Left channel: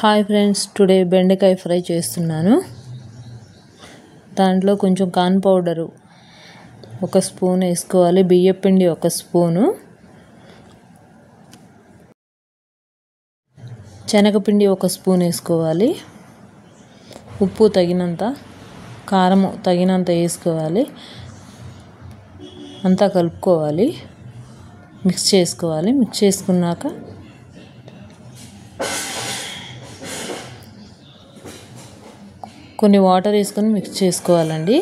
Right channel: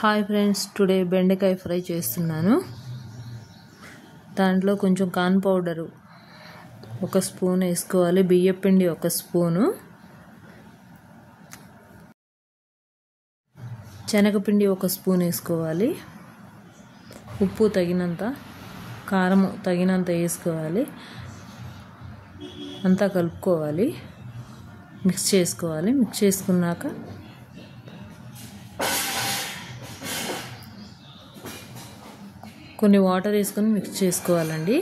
Hi friends, today బెండకాయ fry చేస్తున్నాను. దాంట్లో కొంచెం కార్న్ పౌడరు 1 స్పూన్ వేసుకోవాలి, బియ్యపిండి 1 స్పూను, శనగపిండి 1 స్పూన్ వేసుకోవాలి, ఉప్పు తగినంత, కారం తగినంత వేసుకోవాలి. అంతా కలుపుకోవాలి, మిక్స్ చేసుకోవాలి. మిక్స్ చేసుకున్నాక కొన్ని వాటర్ వేసుకొని మిక్స్ చేసుకోవాలండి.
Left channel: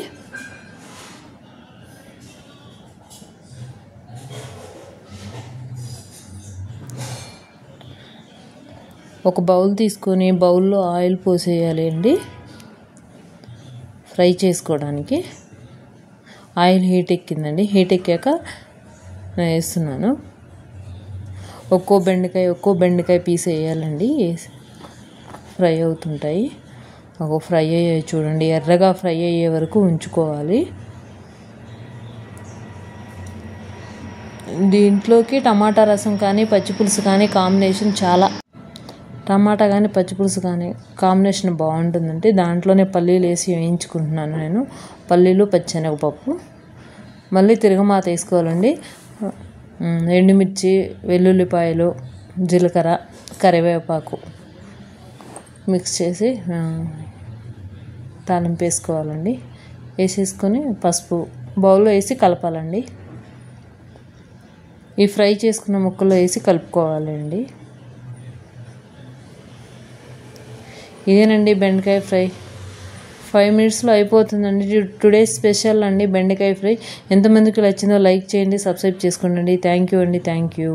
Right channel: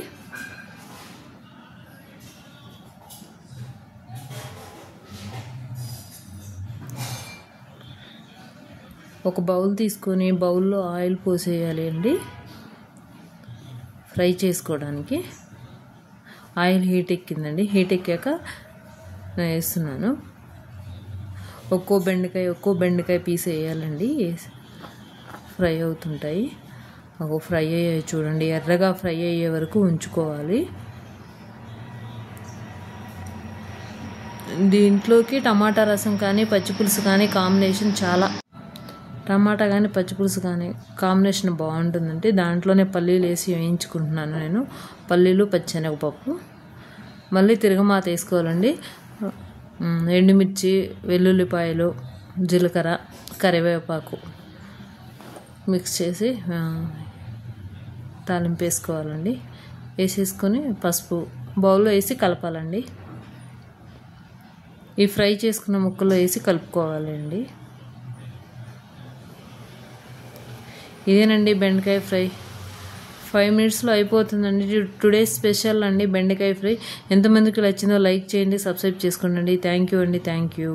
ఒక బౌల్ తీసుకొని బౌల్లో ఆయిల్ పోసేయాలి అండి ఫ్రై చేసుకోవడానికి. ఆయిల్ హీట్ ఎక్కిందండి. హీట్ ఎక్కాక నేను వేస్తున్నాను. ఒక్కో బెండకాయ పీస్ వేయాలండి. ఫ్రై అవుతుంటాయి. ఫ్రై అయ్యాయి చూడండి, ఎర్రగా ఫ్రై అయ్యే వరకు ఉంచుకోవాలి. దీంట్లోకి టమాటా రసం కానీ పచ్చిపులుసు కానీ కాంబినేషన్ టమాటా కానీ పచ్చిపులుసు కానీ కాంబినేషన్ బాగుంటుందండి. దాంట్లోనే పల్లీలు వేసి వేయించుకుంటున్నాను నేను. పల్లీలు, పచ్చెనగపప్పు. మళ్ళీ తిరగమాత వేసుకోవాలండి. ఎండుమిర్చి, వెల్లుల్లిపాయలు, జీలకర్ర, కరివేపాకు మిక్స్ చేసి తాలింపు వేసుకోవాలండి. వేసేసుకొని పసుపు బౌల్లో వేసి కలపాలండి. ఈ ఫ్రై చేసుకున్న ముక్కలు వేసి కలుపుకోవాలండి. ఇదేనండి బెండకాయ ఫ్రై. 5 మినిట్స్లో అయిపోతుందండి. టుడే స్పెషల్ అండి బెండకాయ ఫ్రై. ఎంతమందికి నచ్చిందో లైక్ చేయండి, సబ్స్క్రైబ్ చేసుకోండి. థ్యాంక్ యూ అండి. Thank you.